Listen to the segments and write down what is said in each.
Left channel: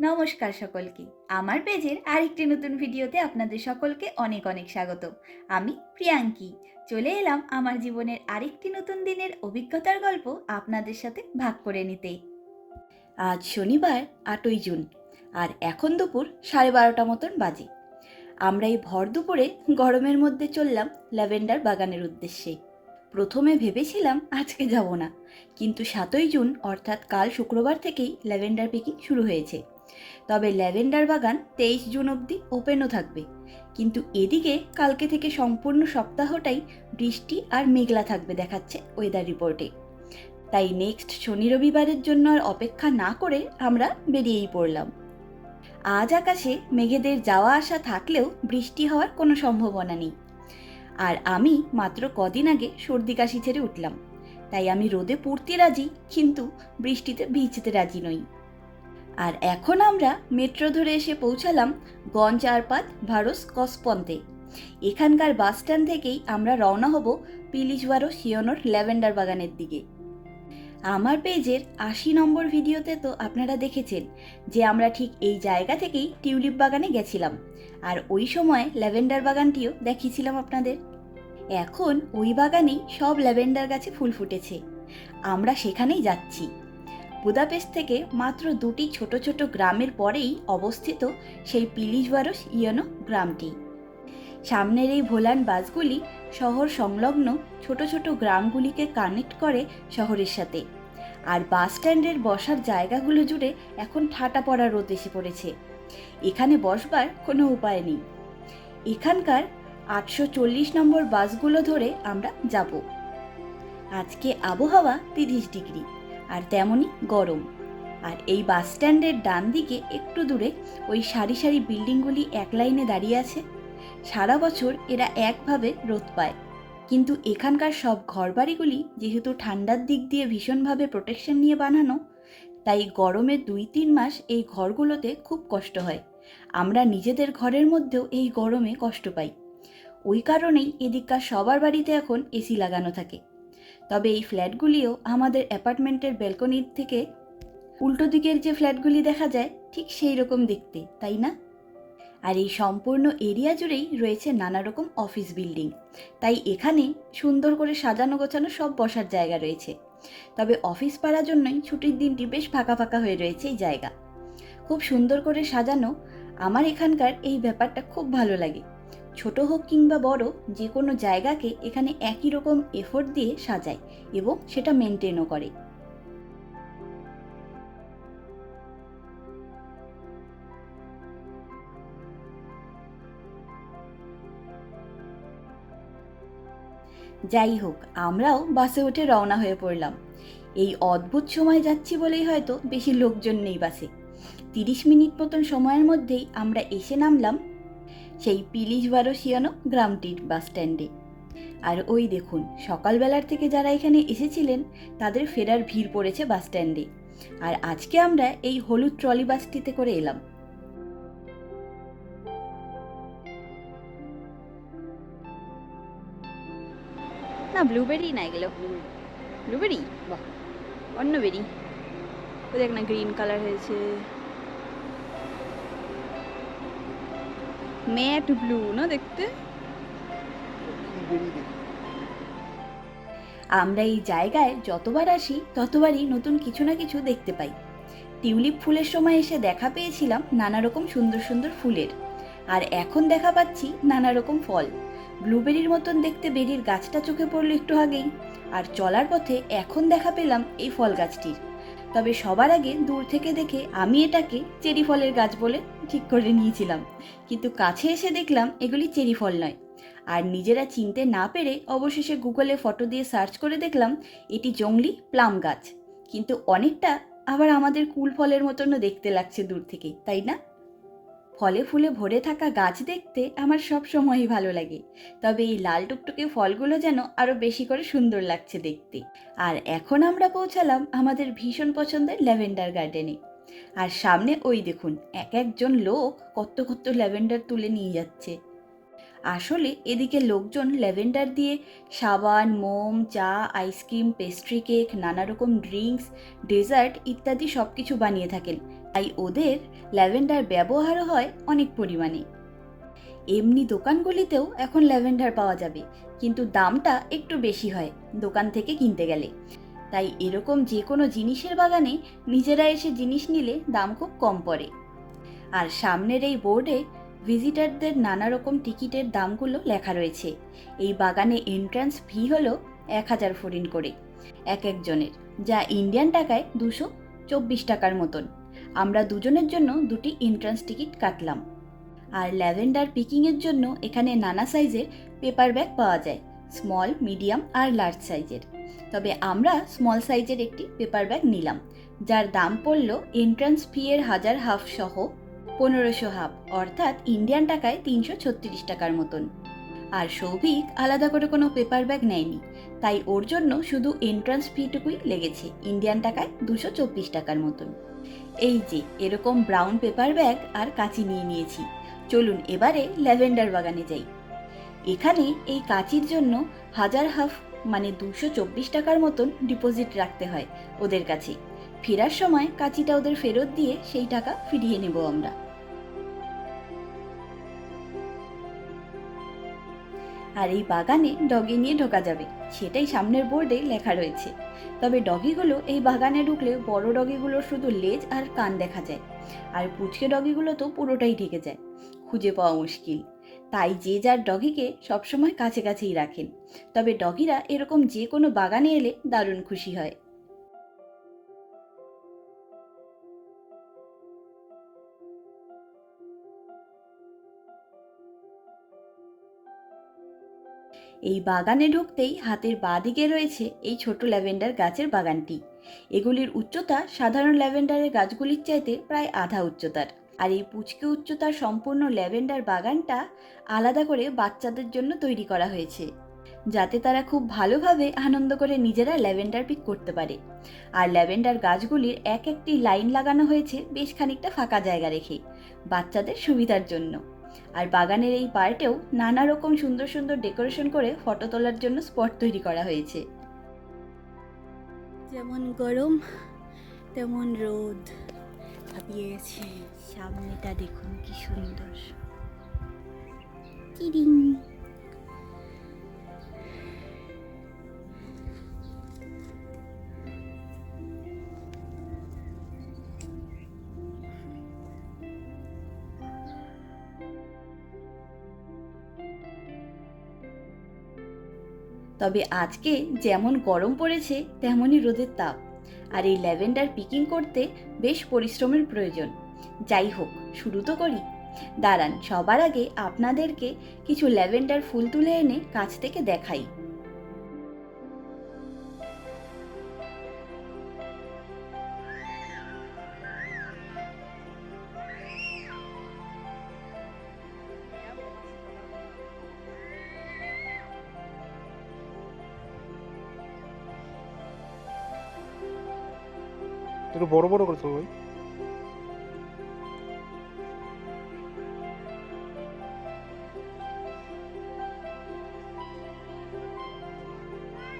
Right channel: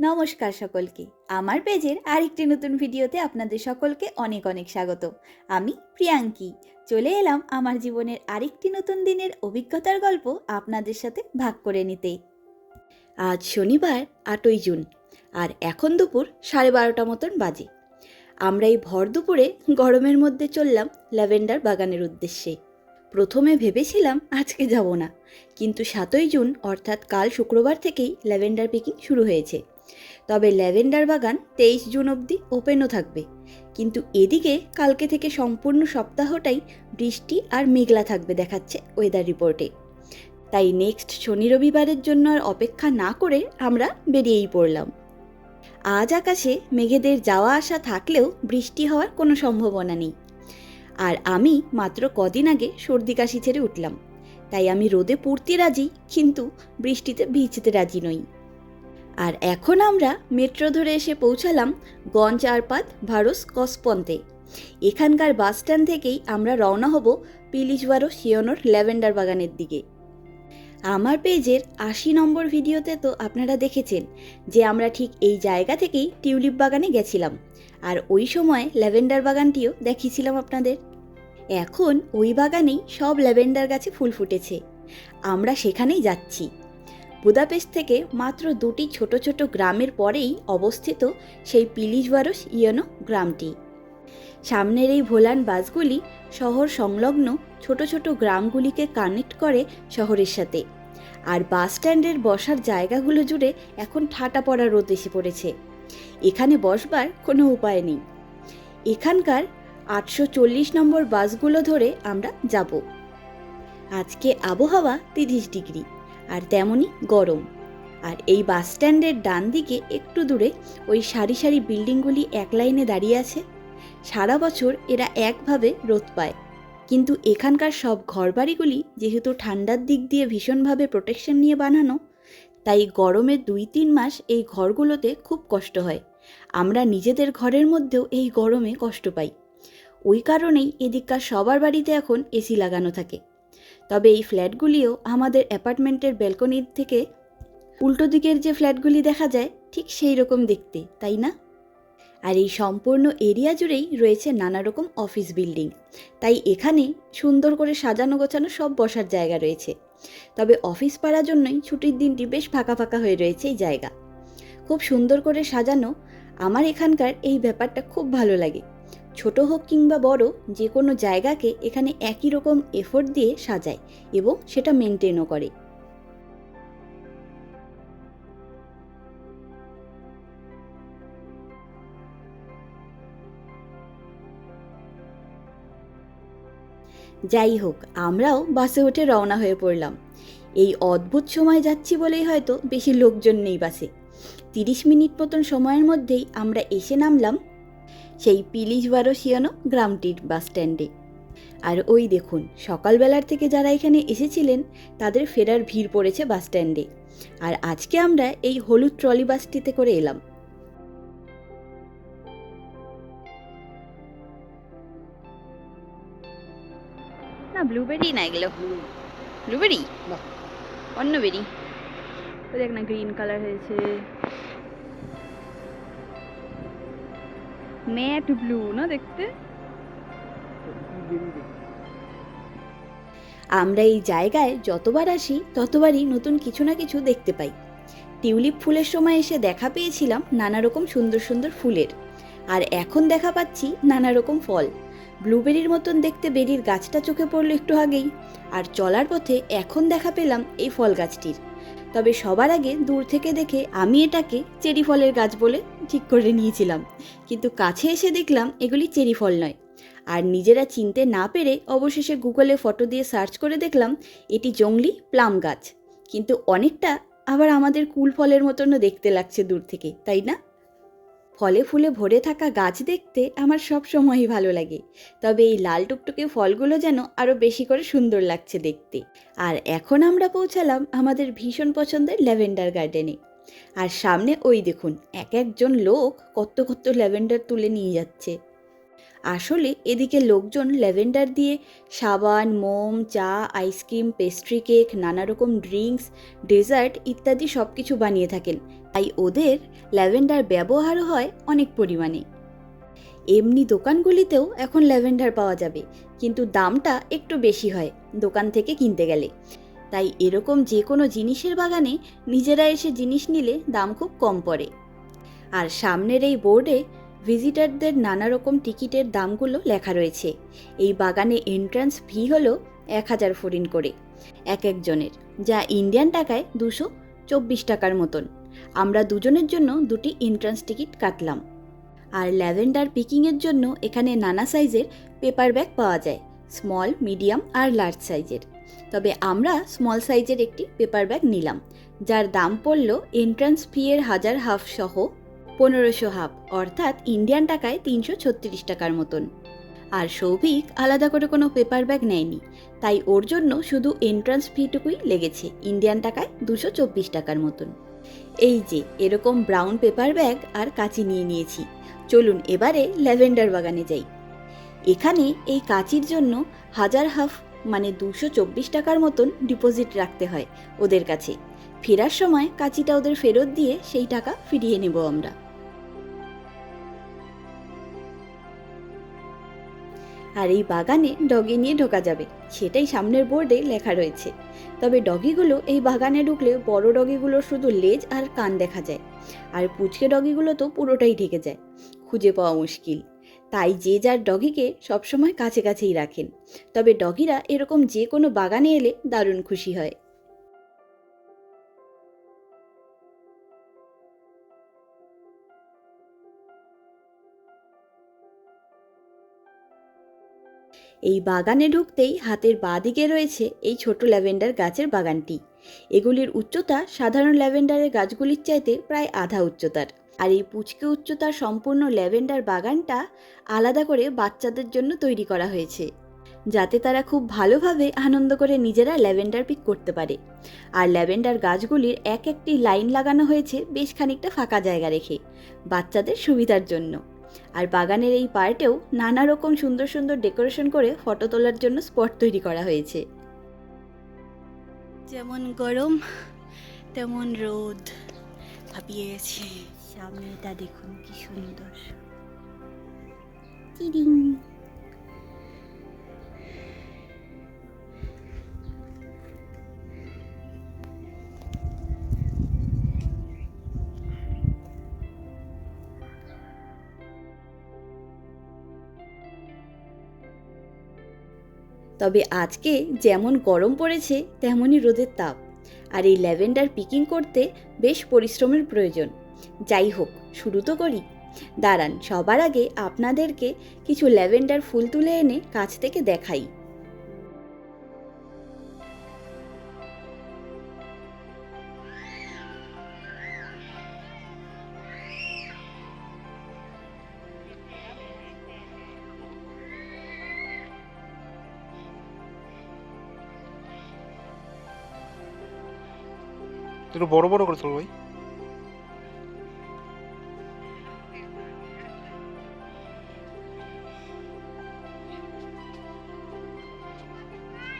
নমস্কার সকলকে। আমার পেজের আরেকটি নতুন ভিডিওতে আপনাদের সকলকে অনেক অনেক স্বাগত। আমি প্রিয়াঙ্কি। চলে এলাম আমার জীবনের আরেকটি নতুন দিনের অভিজ্ঞতার গল্প আপনাদের সাথে ভাগ করে নিতে। আজ শনিবার, আটই জুন, আর এখন দুপুর সাড়ে বারোটা মতন বাজে। আমরা এই ভর দুপুরে গরমের মধ্যে চললাম ল্যাভেন্ডার বাগানের উদ্দেশ্যে। প্রথমে ভেবেছিলাম আজকে যাব না, কিন্তু সাতই জুন, অর্থাৎ কাল শুক্রবার থেকেই ল্যাভেন্ডার পিকিং শুরু হয়েছে। তবে ল্যাভেন্ডার বাগান তেইশ জুন অবধি ওপেনও থাকবে। কিন্তু এদিকে কালকে থেকে সম্পূর্ণ সপ্তাহটাই বৃষ্টি আর মেঘলা থাকবে দেখাচ্ছে ওয়েদার রিপোর্টে তাই নেক্সট শনি রবিবারের জন্য আর অপেক্ষা না করে আমরা বেরিয়েই পড়লাম। আজ আকাশে মেঘেদের যাওয়া আসা থাকলেও বৃষ্টি হওয়ার কোনো সম্ভাবনা নেই। আর আমি মাত্র কদিন আগে সর্দি কাশি ছেড়ে উঠলাম। তাই আমি রোদে পড়তে রাজি, কিন্তু বৃষ্টিতে ভিজতে রাজি নই। আর এখন আমরা মেট্রো ধরে এসে পৌঁছালাম গঞ্জ আরপাত ভারস কসপন্তে। এখানকার বাস স্ট্যান্ড থেকেই আমরা রওনা হব পিলিজওয়ারো শিয়নোর ল্যাভেন্ডার বাগানের দিকে। আমার পেজের আশি নম্বর ভিডিওতে তো আপনারা দেখেছেন যে আমরা ঠিক এই জায়গা থেকেই টিউলিপ বাগানে গেছিলাম আর ওই সময় ল্যাভেন্ডার বাগানটিও দেখিয়েছিলাম আপনাদের। এখন ওই বাগানেই সব ল্যাভেন্ডার গাছে ফুল ফুটেছে। আমরা সেখানেই যাচ্ছি। বুদাপেস্ট থেকে মাত্র দুটি ছোট ছোট গ্রামের পরেই অবস্থিত সেই পিলিজওয়ারস ইয়নো গ্রামটি। সামনের এই ভোলান বাসগুলি শহর সংলগ্ন ছোট ছোট গ্রামগুলিকে কানেক্ট করে শহরের সাথে। আর বাস স্ট্যান্ডের বসার জায়গাগুলো জুড়ে এখন ঠাটা পড়া রোদ এসে পড়েছে। এখানে বসবার কোনো উপায় নেই। এখানকার আটশো চল্লিশ নম্বর বাসগুলো ধরে আমরা যাব। আজকে আবহাওয়া তিরিশ ডিগ্রি। আর তেমনই গরম। আর এই বাস স্ট্যান্ডের ডান দিকে একটু দূরে ওই সারি সারি বিল্ডিংগুলি এক লাইনে দাঁড়িয়ে আছে। সারা বছর এরা একভাবে রোদ পায়। কিন্তু এখানকার সব ঘরবাড়িগুলি যেহেতু ঠান্ডার দিক দিয়ে ভীষণভাবে প্রোটেকশন নিয়ে বানানো, তাই গরমের দুই তিন মাস এই ঘরগুলোতে খুব কষ্ট হয়। আমরা নিজেদের ঘরের মধ্যেও এই গরমে কষ্ট পাই। ওই কারণেই এদিককার সবার বাড়িতে এখন এসি লাগানো থাকে। তবে এই ফ্ল্যাটগুলিও আমাদের অ্যাপার্টমেন্টের ব্যালকনির থেকে উল্টো দিকের যে ফ্ল্যাটগুলি দেখা যায়, ঠিক সেই রকম দেখতে, তাই না? আর এই সম্পূর্ণ এরিয়া জুড়েই রয়েছে নানা রকম অফিস বিল্ডিং। তাই এখানে সুন্দর করে সাজানো গোছানো সব বসার জায়গা রয়েছে। তবে অফিস পাড়ার জন্যই ছুটির দিনটি বেশ ফাঁকা ফাঁকা হয়ে রয়েছে এই জায়গা। খুব সুন্দর করে সাজানো। আমার এখানকার এই ব্যাপারটা খুব ভালো লাগে। ছোট হোক কিংবা বড়, যে কোনো জায়গাকে এখানে একই রকম এফোর্ট দিয়ে সাজায় এবং সেটা মেনটেনও করে। যাই হোক, আমরাও বাসে উঠে রওনা হয়ে পড়লাম। এই অদ্ভুত সময় যাচ্ছি বলেই হয়তো বেশি লোকজন নেই বাসে। তিরিশ মিনিট মতন সময়ের মধ্যেই আমরা এসে নামলাম সেই পিলিশ বারোশিয়ানো গ্রামটির বাস স্ট্যান্ডে। আর ওই দেখুন সকালবেলার থেকে যারা এখানে এসেছিলেন তাদের ফেরার ভিড় পড়েছে বাস স্ট্যান্ডে। আর আজকে আমরা এই হলুদ ট্রলি বাসটিতে করে এলাম। না ব্লুবেরি না এগুলো। ব্লুবেরি অন্য বেরি ও দেখ না গ্রিন কালার হয়েছে। ম্যাট ব্লু না দেখতে? আমরা এই জায়গায় যতবার আসি, ততবারই নতুন কিছু না কিছু দেখতে পাই। টিউলিপ ফুলের সময় এসে দেখা পেয়েছিলাম নানা রকম সুন্দর সুন্দর ফুলের। আর এখন দেখা পাচ্ছি নানা রকম ফল। ব্লুবেরির মতন দেখতে বেরির গাছটা চোখে পড়ল একটু আগেই। আর চলার পথে এখন দেখা পেলাম এই ফল গাছটির। তবে সবার আগে দূর থেকে দেখে আমি এটাকে চেরি ফলের গাছ বলে ঠিক করে নিয়েছিলাম। কিন্তু কাছে এসে দেখলাম এগুলি চেরি ফল নয়। আর নিজেরা চিনতে না পেরে অবশেষে গুগলে ফটো দিয়ে সার্চ করে দেখলাম এটি জংলি প্লাম গাছ। কিন্তু অনেকটা আবার আমাদের কুল ফলের মতনও দেখতে লাগছে দূর থেকে, তাই না? ফলে ফুলে ভরে থাকা গাছ দেখতে আমার সব সময়ই ভালো লাগে। তবে এই লাল টুকটুকে ফলগুলো যেন আরও বেশি করে সুন্দর লাগছে দেখতে। আর এখন আমরা পৌঁছালাম আমাদের ভীষণ পছন্দের ল্যাভেন্ডার গার্ডেনে। আর সামনে ওই দেখুন, এক একজন লোক কত কত ল্যাভেন্ডার তুলে নিয়ে যাচ্ছে। আসলে এদিকে লোকজন ল্যাভেন্ডার দিয়ে সাবান, মোম, চা, আইসক্রিম, পেস্ট্রি কেক নানা রকম ড্রিঙ্কস, ডেজার্ট ইত্যাদি সব কিছু বানিয়ে থাকেন। তাই ওদের ল্যাভেন্ডার ব্যবহারও হয় অনেক পরিমাণে। এমনি দোকানগুলিতেও এখন ল্যাভেন্ডার পাওয়া যাবে, কিন্তু দামটা একটু বেশি হয় দোকান থেকে কিনতে গেলে। তাই এরকম যে কোনো জিনিসের বাগানে নিজেরা এসে জিনিস নিলে দাম খুব কম পড়ে। আর সামনের এই বোর্ডে ভিজিটারদের নানা রকম টিকিটের দামগুলো লেখা রয়েছে। এই বাগানে এন্ট্রান্স ফি হলো এক হাজার ফরিন করে। এক একজনের, যা ইন্ডিয়ান টাকায় দুশো চব্বিশ টাকার মতন। আমরা দুজনের জন্য দুটি এন্ট্রান্স টিকিট কাটলাম। আর ল্যাভেন্ডার পিকিংয়ের জন্য এখানে নানা সাইজের পেপার ব্যাগ পাওয়া যায় স্মল মিডিয়াম আর লার্জ সাইজের তবে আমরা স্মল সাইজের একটি পেপার ব্যাগ নিলাম, যার দাম পড়ল এন্ট্রান্স ফি এর হাজার হাফ সহ পনেরোশো হাফ অর্থাৎ ইন্ডিয়ান টাকায় তিনশো ছত্রিশ টাকার মতন। আর সৌভিক আলাদা করে কোনো পেপার ব্যাগ নেয়নি, তাই ওর জন্য শুধু এন্ট্রান্স ফিটুকুই লেগেছে ইন্ডিয়ান টাকায় দুশো চব্বিশ টাকার মতন। এই যে, এরকম ব্রাউন পেপার ব্যাগ আর কাঁচি নিয়ে নিয়েছি। চলুন এবারে ল্যাভেন্ডার বাগানে যাই। এখানে এই কাঁচির জন্য হাজার হাফ মানে দুশো চব্বিশ টাকার মতন ডিপোজিট রাখতে হয় ওদের কাছে। ফেরার সময় কাঁচিটা ওদের ফেরত দিয়ে সেই টাকা ফিরিয়ে নেব আমরা। আর এই বাগানে ডগি নিয়ে ঢোকা যাবে, সেটাই সামনের বোর্ডে লেখা রয়েছে। তবে ডগিগুলো এই বাগানে ঢুকলে বড় ডগিগুলোর শুধু লেজ আর কান দেখা যায়। আর পুচকে ডগিগুলো তো পুরোটাই ঢেকে যায়। খুঁজে পাওয়া মুশকিল। তাই যে যার ডগিকে সবসময় কাছে কাছেই রাখেন। তবে ডগিরা এরকম যে কোনো বাগানে এলে দারুণ খুশি হয়। এই বাগানে ঢুকতেই হাতের বাঁ দিকে রয়েছে এই ছোট ল্যাভেন্ডার গাছের বাগানটি। এগুলির উচ্চতা সাধারণ ল্যাভেন্ডারের গাছগুলির চাইতে প্রায় আধা উচ্চতার। আর এই পুচকে উচ্চতার সম্পূর্ণ ল্যাভেন্ডার বাগানটা আলাদা করে বাচ্চাদের জন্য তৈরি করা হয়েছে, যাতে তারা খুব ভালোভাবে আনন্দ করে নিজেরা ল্যাভেন্ডার পিক করতে পারে। আর ল্যাভেন্ডার গাছগুলির এক একটি লাইন লাগানো হয়েছে বেশ খানিকটা ফাঁকা জায়গা রেখে, বাচ্চাদের সুবিধার জন্য। আর বাগানের এই পার্টেও নানা রকম সুন্দর সুন্দর ডেকোরেশন করে ফটো তোলার জন্য স্পট তৈরি করা হয়েছে। যেমন গরম, তেমন রোদ, ভাবিয়ে সামনেটা দেখুন, কি সুন্দর। তবে আজকে যেমন গরম পড়েছে, তেমনই রোদের তাপ। আর এই ল্যাভেন্ডার পিকিং করতে বেশ পরিশ্রমের প্রয়োজন। যাই হোক, শুরু তো করি। দাঁড়ান, সবার আগে আপনাদেরকে কিছু ল্যাভেন্ডার ফুল তুলে এনে কাছ থেকে দেখাই। বড় বড় করে তোল ভাই।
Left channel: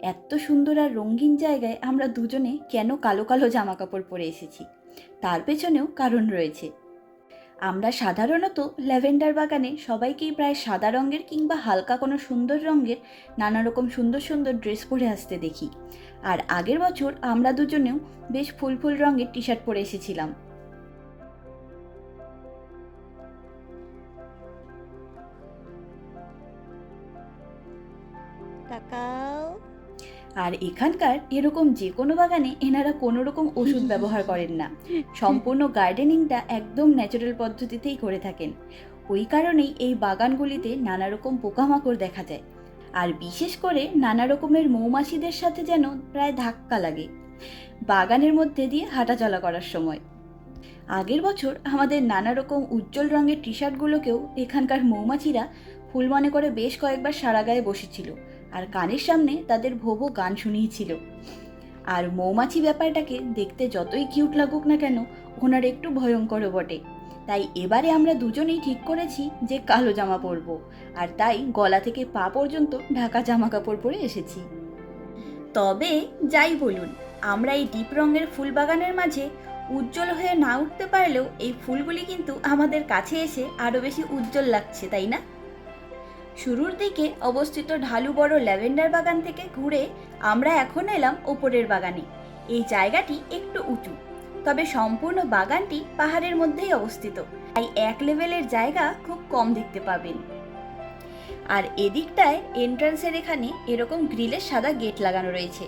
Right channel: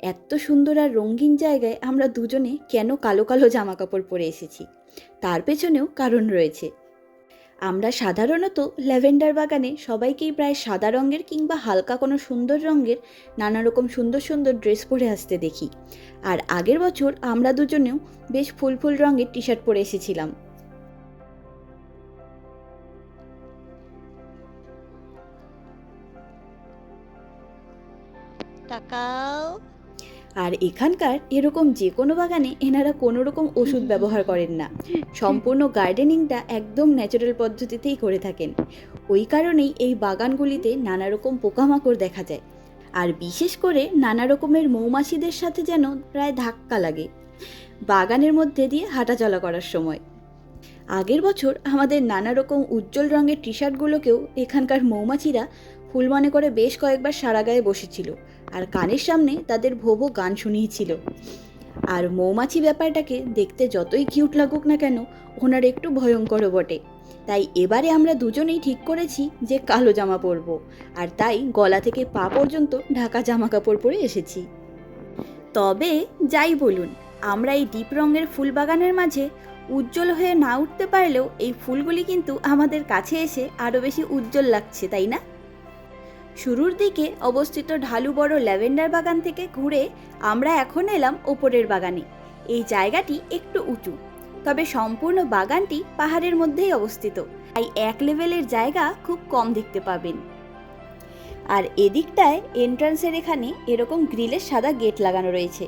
এত সুন্দর আর রঙিন জায়গায় আমরা দুজনে কেন কালো কালো জামা কাপড় পরে এসেছি? তার পেছনেও কারণ রয়েছে। আমরা সাধারণত ল্যাভেন্ডার বাগানে সবাইকেই প্রায় সাদা রঙের কিংবা হালকা কোনো সুন্দর রঙের নানা রকম সুন্দর সুন্দর ড্রেস পরে আসতে দেখি। আর আগের বছর আমরা দুজনেও বেশ ফুল ফুল রঙের টি শার্ট পরে এসেছিলাম। তাকাও আর এখানকার এরকম যে কোনো বাগানে এনারা কোনো রকম ওষুধ ব্যবহার করেন না। সম্পূর্ণ গার্ডেনিংটা একদম ন্যাচারাল পদ্ধতিতেই করে থাকেন। ওই কারণেই এই বাগানগুলিতে নানা রকম পোকামাকড় দেখা যায়। আর বিশেষ করে নানা রকমের মৌমাছিদের সাথে যেন প্রায় ধাক্কা লাগে। বাগানের মধ্যে দিয়ে হাঁটাচলা করার সময়। আগের বছর আমাদের নানা রকম উজ্জ্বল রঙের টি শার্টগুলোকেও এখানকার মৌমাছিরা ফুল মনে করে বেশ কয়েকবার সারা গায়ে বসেছিল। আর কানের সামনে তাদের ভোবো গান শুনিয়েছিল আর মৌমাছি ব্যাপারটাকে দেখতে যতই কিউট লাগুক না কেন, ওনার একটু ভয়ঙ্করও বটে। তাই এবারে আমরা দুজনেই ঠিক করেছি যে কালো জামা পরবো। আর তাই গলা থেকে পা পর্যন্ত ঢাকা জামা কাপড় পরে এসেছি। তবে যাই বলুন, আমরা এই ডিপ রঙের ফুল বাগানের মাঝে উজ্জ্বল হয়ে না উঠতে পারলেও এই ফুলগুলি কিন্তু আমাদের কাছে এসে আরও বেশি উজ্জ্বল লাগছে, তাই না? শুরুর দিকে অবস্থিত ঢালু বড় ল্যাভেন্ডার বাগান থেকে ঘুরে আমরা এখন এলাম ওপরের বাগানে। এই জায়গাটি একটু উঁচু, তবে সম্পূর্ণ বাগানটি পাহাড়ের মধ্যেই অবস্থিত। তাই এক লেভেলের জায়গা খুব কম দেখতে পাবেন। আর এদিকটায় এন্ট্রান্সের এখানে এরকম গ্রিলের সাদা গেট লাগানো রয়েছে।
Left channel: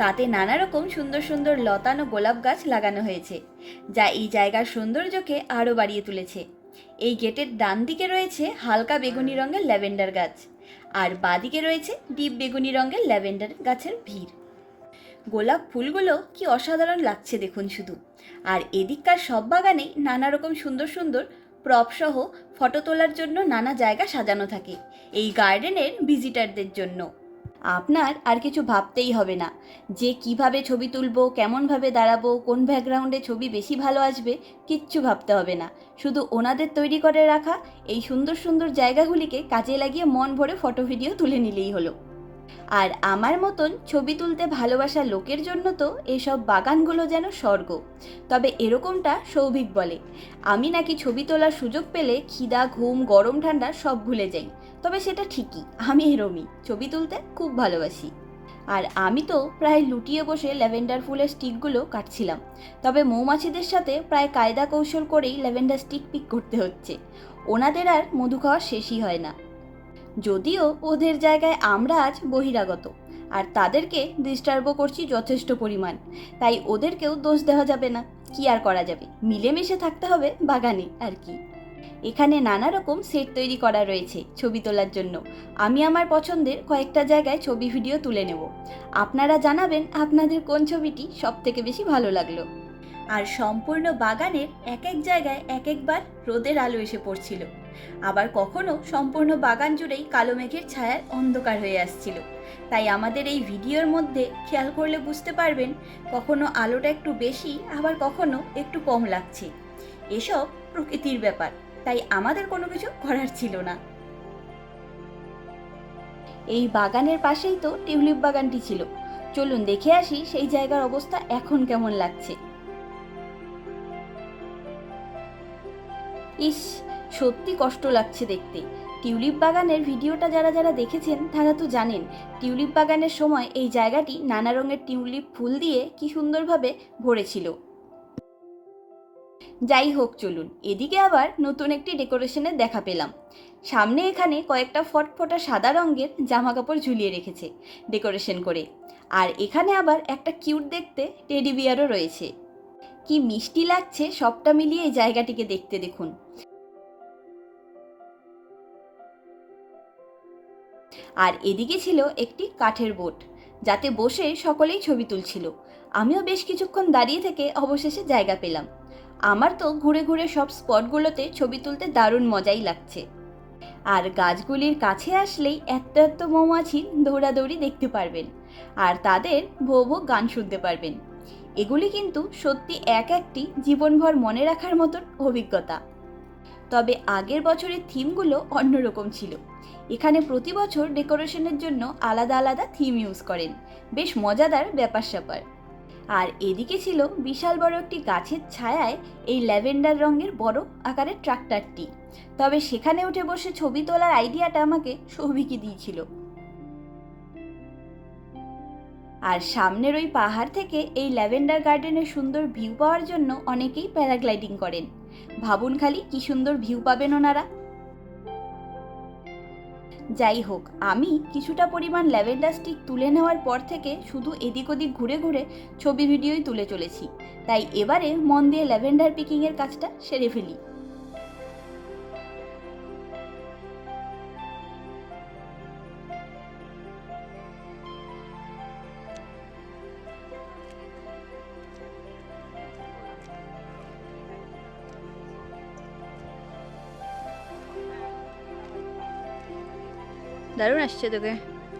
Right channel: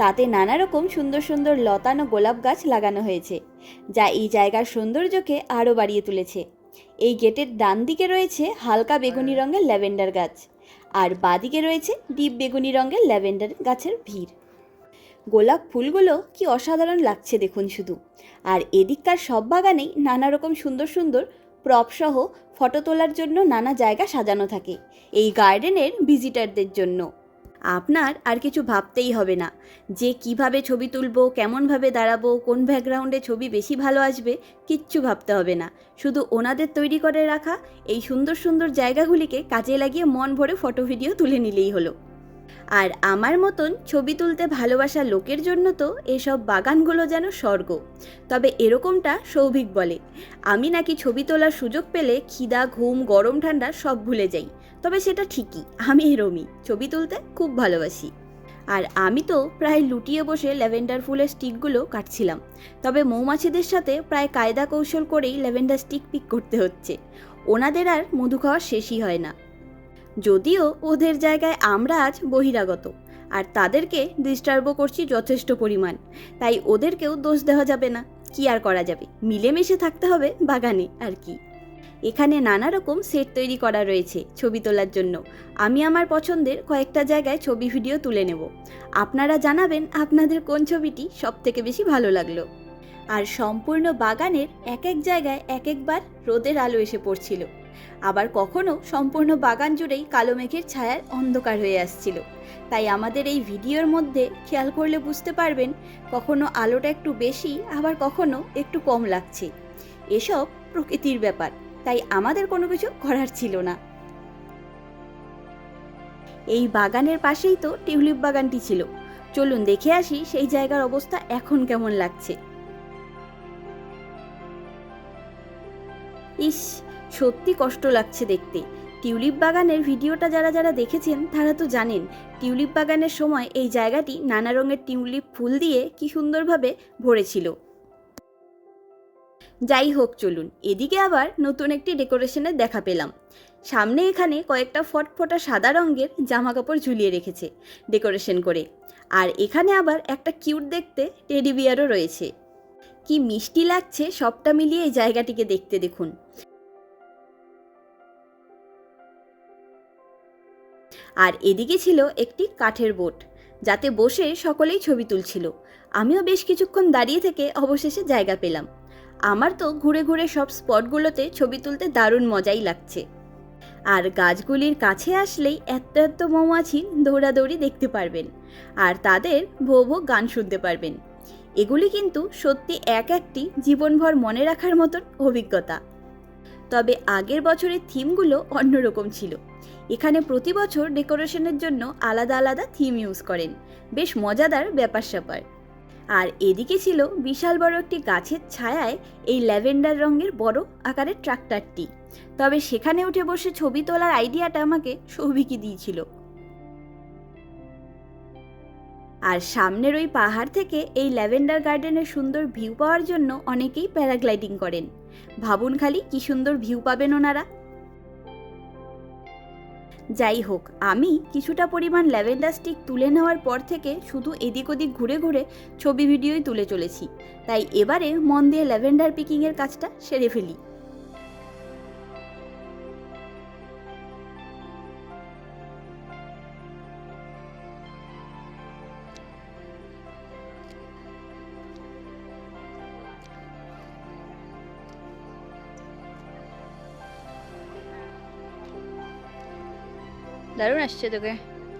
তাতে নানা রকম সুন্দর সুন্দর লতানো গোলাপ গাছ লাগানো হয়েছে, যা এই জায়গার সৌন্দর্যকে আরও বাড়িয়ে তুলেছে। এই গেটের ডান দিকে রয়েছে হালকা বেগুনি রঙের ল্যাভেন্ডার গাছ আর বাদিকে রয়েছে ডিপ বেগুনি রঙের ল্যাভেন্ডার গাছের ভিড়। গোলাপ ফুলগুলো কি অসাধারণ লাগছে দেখুন শুধু। আর এদিককার সব বাগানেই নানা রকম সুন্দর সুন্দর প্রপসহ ফটো তোলার জন্য নানা জায়গা সাজানো থাকে। এই গার্ডেনের ভিজিটারদের জন্য। আপনার আর কিছু ভাবতেই হবে না। যে কীভাবে ছবি তুলবো, কেমনভাবে দাঁড়াবো, কোন ব্যাকগ্রাউন্ডে ছবি বেশি ভালো আসবে, কিচ্ছু ভাবতে হবে না। শুধু ওনাদের তৈরি করে রাখা, এই সুন্দর সুন্দর জায়গাগুলিকে কাজে লাগিয়ে মন ভরে ফটো ভিডিও তুলে নিলেই হলো। আর আমার মতন ছবি তুলতে ভালোবাসা লোকের জন্য তো এসব বাগানগুলো যেন স্বর্গ। তবে এরকমটা সৌভিক বলে, আমি নাকি ছবি তোলার সুযোগ পেলে খিদা, ঘুম, গরম, ঠান্ডা সব ভুলে যাই। তবে সেটা ঠিকই, আমি এরমই ছবি তুলতে খুব ভালোবাসি। আর আমি তো প্রায় লুটিয়ে বসে ল্যাভেন্ডার ফুলের স্টিকগুলো কাটছিলাম, তবে মৌমাছিদের সাথে প্রায় কায়দা কৌশল করেই ল্যাভেন্ডার স্টিক পিক করতে হচ্ছে। ওনাদের আর মধু খাওয়ার শেষই হয় না। যদিও ওদের জায়গায় আমরা আজ বহিরাগত, আর তাদেরকে ডিস্টার্বও করছি যথেষ্ট পরিমাণ, তাই ওদেরকেও দোষ দেওয়া যাবে না, কি আর করা যাবে? মিলেমিশে থাকতে হবে বাগানে, আর কি। এখানে নানা রকম সেট তৈরি করা রয়েছে ছবি তোলার জন্য। আমি আমার পছন্দের কয়েকটা জায়গায় ছবি ভিডিও তুলে নেব। আপনারা জানাবেন আপনাদের কোন ছবিটি সব থেকে বেশি ভালো লাগল। আর সম্পূর্ণ বাগানের এক এক জায়গায় এক একবার রোদের আলো এসে পড়ছিল। আবার কখনো সম্পূর্ণ বাগান জুড়েই কালো মেঘের ছায়ার অন্ধকার হয়ে আসছিল। তাই আমাদের এই ভিডিওর মধ্যে খেয়াল করলে বুঝতে পারবেন কখনো আলোটা একটু বেশি, আবার কখনো একটু কম লাগছে। এসব প্রকৃতির ব্যাপার। তাই আমাদের কোনো কিছু করার ছিল না। এই বাগানের পাশেই তো টিউলিপ বাগানটি ছিল। চলুন দেখে আসি সেই জায়গার অবস্থা এখন কেমন লাগছে। ইস, সত্যি কষ্ট লাগছে দেখতে। টিউলিপ বাগানের ভিডিওটা যারা যারা দেখেছেন, তারা তো জানেন, টিউলিপ বাগানের সময় এই জায়গাটি নানা রঙের টিউলিপ ফুল দিয়ে কি সুন্দরভাবে ভরেছিল। যাই হোক চলুন। এদিকে আবার নতুন একটি ডেকোরেশনের দেখা পেলাম। সামনে এখানে কয়েকটা ফটফটা সাদা রঙের জামা কাপড় ঝুলিয়ে রেখেছে ডেকোরেশন করে। আর এখানে আবার একটা কিউট দেখতে টেডি বিয়ারও রয়েছে। কি মিষ্টি লাগছে সবটা মিলিয়ে এই জায়গাটিকে দেখতে দেখুন। আর এদিকে ছিল একটি কাঠের বোট, যাতে বসে সকলেই ছবি তুলছিল। আমিও বেশ কিছুক্ষণ দাঁড়িয়ে থেকে অবশেষে জায়গা পেলাম। আমার তো ঘুরে ঘুরে সব স্পটগুলোতে ছবি তুলতে দারুণ মজাই লাগছে। আর গাছগুলির কাছে আসলেই এত এত মৌমাছি দৌড়াদৌড়ি দেখতে পারবেন। আর তাদের ভো ভো গান শুনতে পারবেন। এগুলি কিন্তু সত্যি এক একটি জীবনভর মনে রাখার মতন অভিজ্ঞতা। তবে আগের বছরের থিমগুলো অন্যরকম ছিল। এখানে প্রতি বছর ডেকোরেশনের জন্য আলাদা আলাদা থিম ইউজ করেন। বেশ মজাদার ব্যাপার স্যাপার আর এদিকে ছিল বিশাল বড় একটি গাছের ছায়ায় এই ল্যাভেন্ডার রঙের বড় আকারের ট্রাক্টরটি। তবে সেখানে উঠে বসে ছবি তোলার আইডিয়াটা আমাকে সৌভিকই দিয়েছিল। আর সামনের ওই পাহাড় থেকে এই ল্যাভেন্ডার গার্ডেনের সুন্দর ভিউ পাওয়ার জন্য অনেকেই প্যারাগ্লাইডিং করেন। ভাবুন খালি কি সুন্দর ভিউ পাবেন ওনারা। যাই হোক আমি কিছুটা পরিমাণ ল্যাভেন্ডার স্টিক তুলে নেওয়ার পর থেকে শুধু এদিক ওদিক ঘুরে ঘুরে ছবি ভিডিওই তুলে চলেছি। তাই এবারে মন দিয়ে ল্যাভেন্ডার পিকিংয়ের কাজটা সেরে ফেলি। দারুণ আসছে তোকে।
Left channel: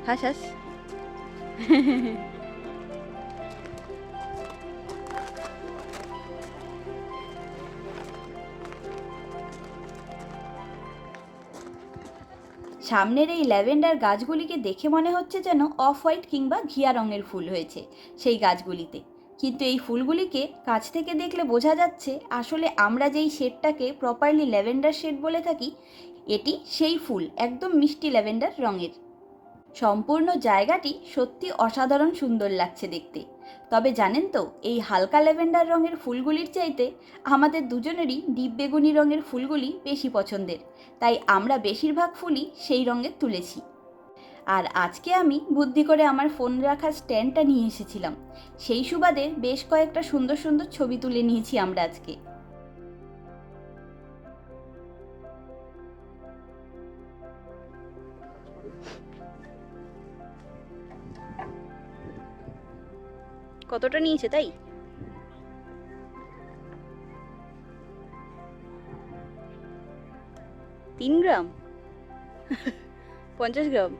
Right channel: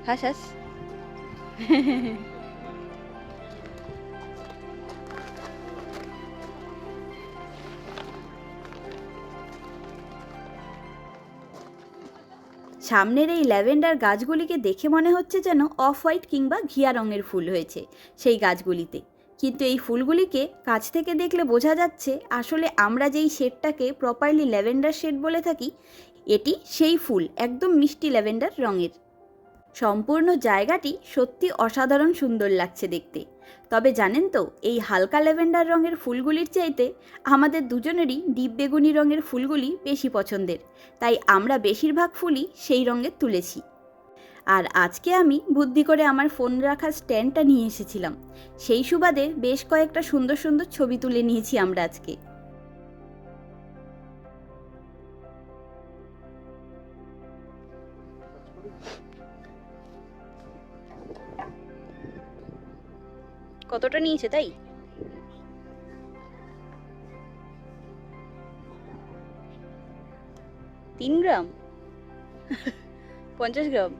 হাস হাস। সামনের এই ল্যাভেন্ডার গাছগুলিকে দেখে মনে হচ্ছে যেন অফ হোয়াইট কিংবা ঘিয়া রঙের ফুল হয়েছে সেই গাছগুলিতে। কিন্তু এই ফুলগুলিকে কাছ থেকে দেখলে বোঝা যাচ্ছে আসলে আমরা যেই শেডটাকে প্রপারলি ল্যাভেন্ডার শেড বলে থাকি এটি সেই ফুল, একদম মিষ্টি ল্যাভেন্ডার রঙের। সম্পূর্ণ জায়গাটি সত্যি অসাধারণ সুন্দর লাগছে দেখতে। তবে জানেন তো, এই হালকা ল্যাভেন্ডার রঙের ফুলগুলির চাইতে আমাদের দুজনেরই ডিপ বেগুনি রঙের ফুলগুলি বেশি পছন্দের, তাই আমরা বেশিরভাগ ফুলই সেই রঙের তুলেছি। আর আজকে আমি বুদ্ধি করে আমার ফোন রাখার স্ট্যান্ডটা নিয়ে এসেছিলাম। সেই সুবাদে বেশ কয়েকটা সুন্দর সুন্দর ছবি তুলে নিয়েছি আমরা আজকে। কতটা নিয়েছে তাই? তিন গ্রাম? পঞ্চাশ গ্রাম?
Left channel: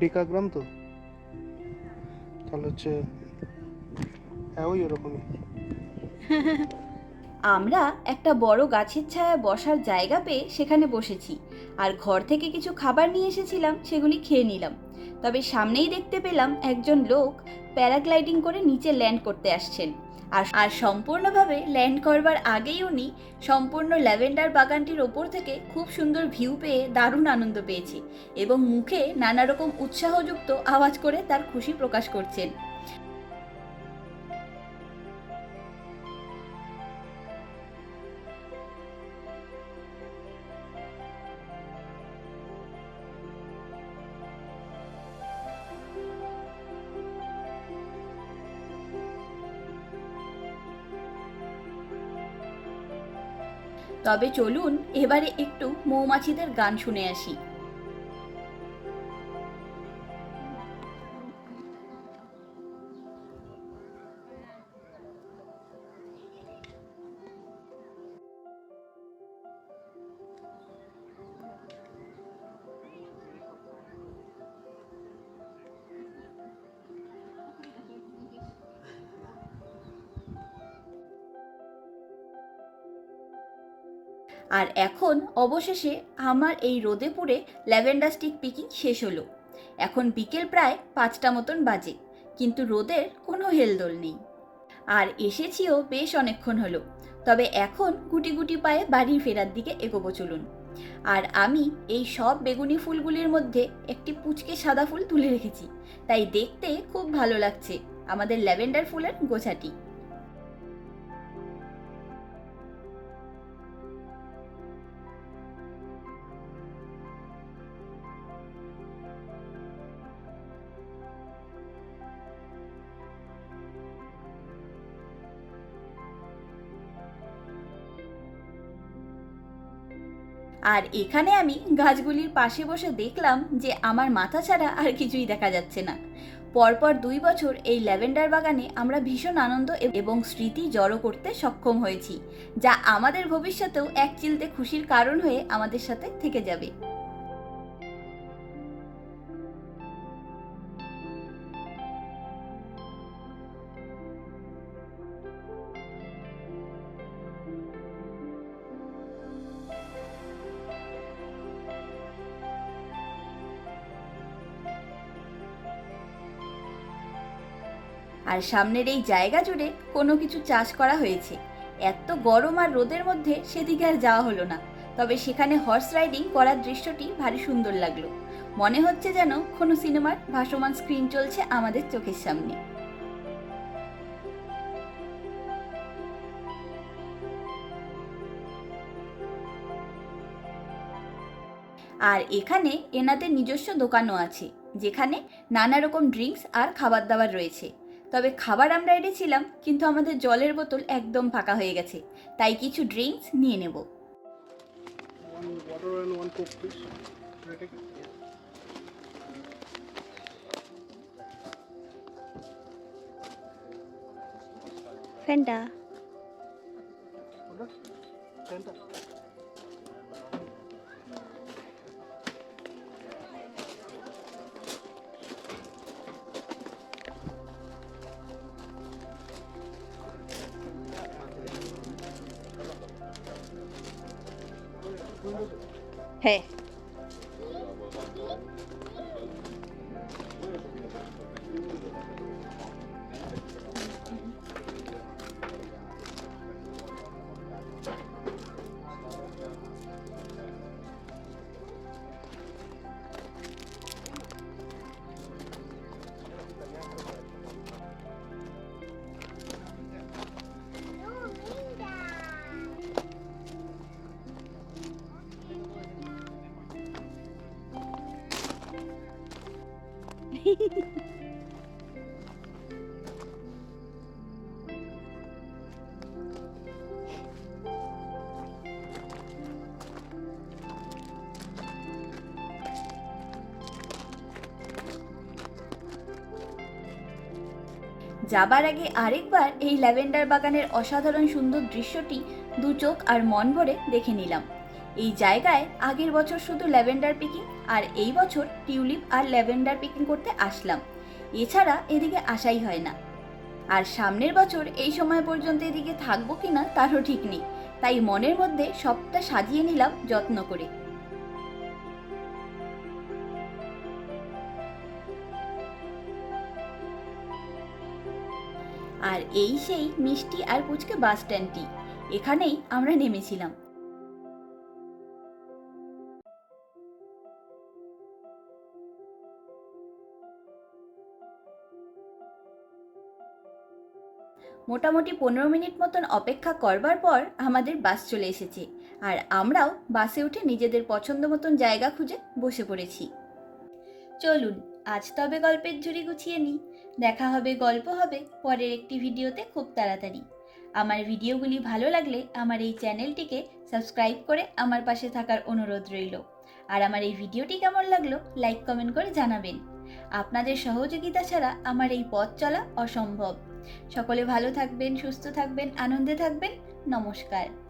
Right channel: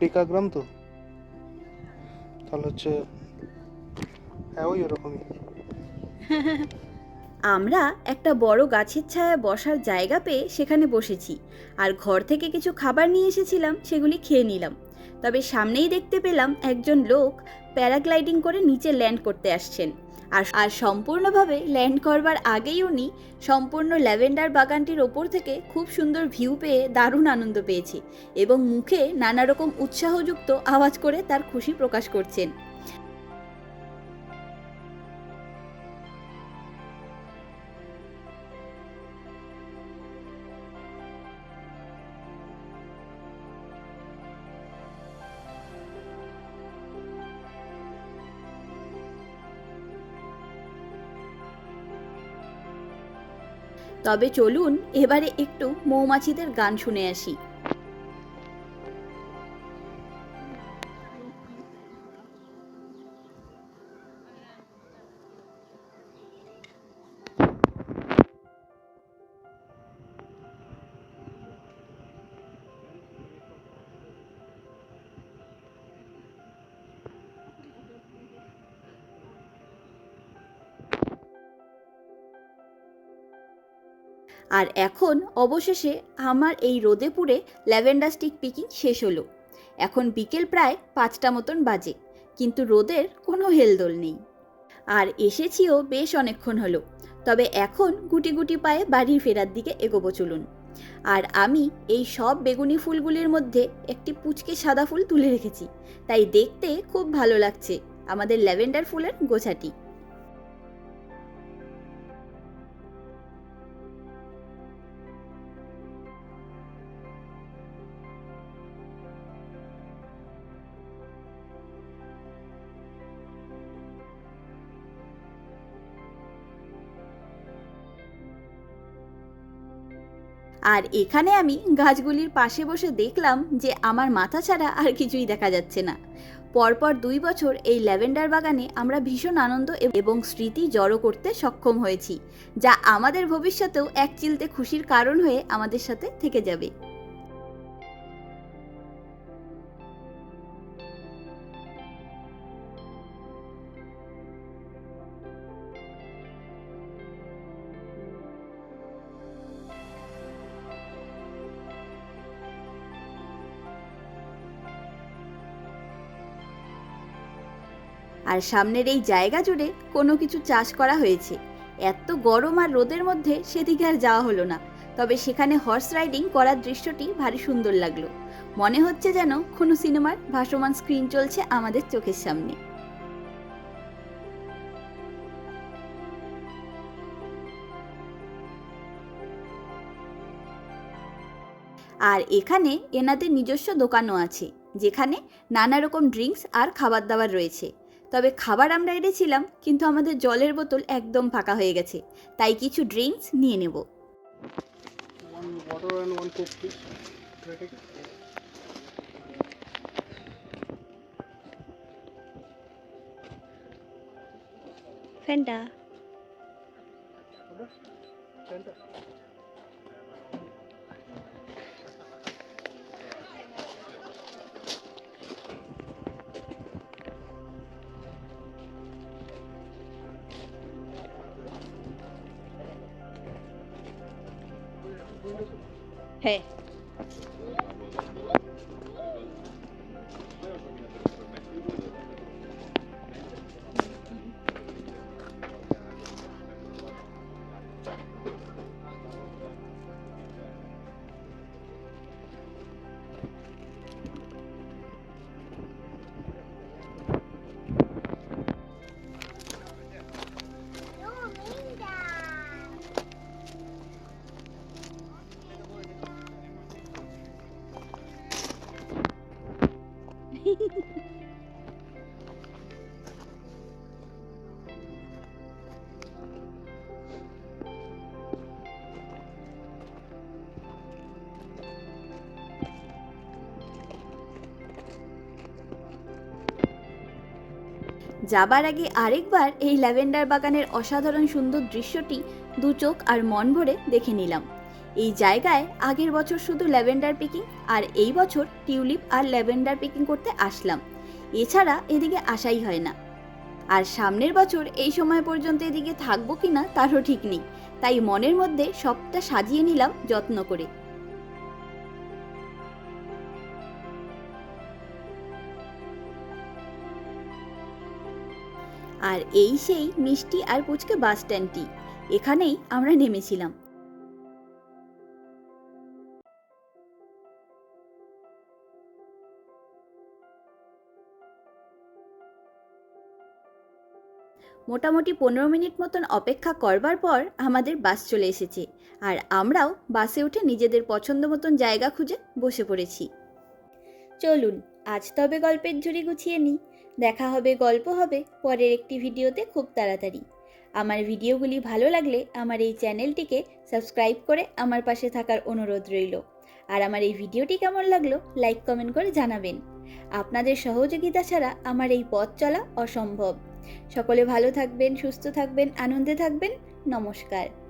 ডিকাগ্রাম তো? তাহলে হচ্ছে হ্যাঁ ওই ওরকমই। আমরা একটা বড় গাছের ছায়া বসার জায়গা পেয়ে সেখানে বসেছি। আর ঘর থেকে কিছু খাবার নিয়ে এসেছিলাম, সেগুলি খেয়ে নিলাম। তবে সামনেই দেখতে পেলাম একজন লোক প্যারাগ্লাইডিং করে নিচে ল্যান্ড করতে আসছেন। আর আর সম্পূর্ণভাবে ল্যান্ড করবার আগেই উনি সম্পূর্ণ ল্যাভেন্ডার বাগানটির ওপর থেকে খুব সুন্দর ভিউ পেয়ে দারুণ আনন্দ পেয়েছে এবং মুখে নানা রকম উৎসাহযুক্ত আওয়াজ করে তার খুশি প্রকাশ করছেন। তবে চলুন এবারে একটু মৌমাছিদের গান শুনে আসি। আর এখন অবশেষে আমার এই রোদে পুড়ে ল্যাভেন্ডার স্টিক পিকিং শেষ হলো। এখন বিকেল প্রায় পাঁচটা মতন বাজে, কিন্তু রোদের কোনো হেলদোল নেই। আর এসেছিও বেশ অনেকক্ষণ হলো, তবে এখন গুটি গুটি পায়ে বাড়ি ফেরার দিকে এগোবো চলুন। আর আমি এই সব বেগুনি ফুলগুলির মধ্যে একটি পুচকে সাদা ফুল তুলে রেখেছি, তাই দেখতে খুব ভালো লাগছে আমাদের ল্যাভেন্ডার ফুলের গোছাটি। আর এখানে আমি গাছগুলির পাশে বসে দেখলাম যে আমার মাথা ছাড়া আর কিছুই দেখা যাচ্ছে না। পরপর দুই বছর এই ল্যাভেন্ডার বাগানে আমরা ভীষণ আনন্দ এবং স্মৃতি জড়ো করতে সক্ষম হয়েছি, যা আমাদের ভবিষ্যতেও এক চিলতে খুশির কারণ হয়ে আমাদের সাথে থেকে যাবে। আর সামনের এই জায়গা জুড়ে কোনো কিছু চাষ করা হয়েছে। এত গরম আর রোদের মধ্যে সেদিকে আর যাওয়া হলো না। তবে সেখানে হর্স রাইডিং করার দৃশ্যটি ভারী সুন্দর লাগল। মনে হচ্ছে যেন কোনো সিনেমার ভাসমান স্ক্রিন চলছে আমাদের চোখের সামনে। আর এখানে এনাদের নিজস্ব দোকানও আছে, যেখানে নানা রকম ড্রিঙ্কস আর খাবার দাবার রয়েছে। তবে খাবার আমরা এনেছিলাম কিন্তু আমাদের জলের বোতল একদম ফাঁকা হয়ে গেছে। তাই কিছু ড্রিঙ্কস নিয়ে নেব। প্লিজ ফ্যানটা যাবার আগে আরেকবার এই ল্যাভেন্ডার বাগানের অসাধারণ সুন্দর দৃশ্যটি দু চোখ আর মন ভরে দেখে নিলাম। এই জায়গায় আগের বছর শুধু ল্যাভেন্ডার পিকিং আর এই বছর টিউলিপ আর ল্যাভেন্ডার পিকিং করতে আসলাম। এছাড়া এদিকে আসাই হয় না। আর সামনের বছর এই সময় পর্যন্ত এদিকে থাকব কিনা তারও ঠিক নেই। তাই মনের মধ্যে সবটা সাজিয়ে নিলাম যত্ন করে। এই সেই মিষ্টি আর পুচকে বাস স্ট্যান্ডটি। এখানেই আমরা নেমেছিলাম। মোটামুটি পনেরো মিনিট মতন অপেক্ষা করবার পর আমাদের বাস চলে এসেছে। আর আমরাও বাসে উঠে নিজেদের পছন্দ মতন জায়গা খুঁজে বসে পড়েছি। চলুন, আজ তবে গল্পের ঝুড়ি গুছিয়ে নিই। দেখা হবে, গল্প হবে, পরের একটি ভিডিওতে খুব তাড়াতাড়ি। আমার ভিডিওগুলি ভালো লাগলে আমার এই চ্যানেলটিকে সাবস্ক্রাইব করে আমার পাশে থাকার অনুরোধ রইল। আর আমার এই ভিডিওটি কেমন লাগল, লাইক, কমেন্ট করে জানাবেন। আপনাদের সহযোগিতা ছাড়া আমার এই পথ চলা অসম্ভব। সকলে ভালো থাকবেন, সুস্থ থাকবেন, আনন্দে থাকবেন। নমস্কার।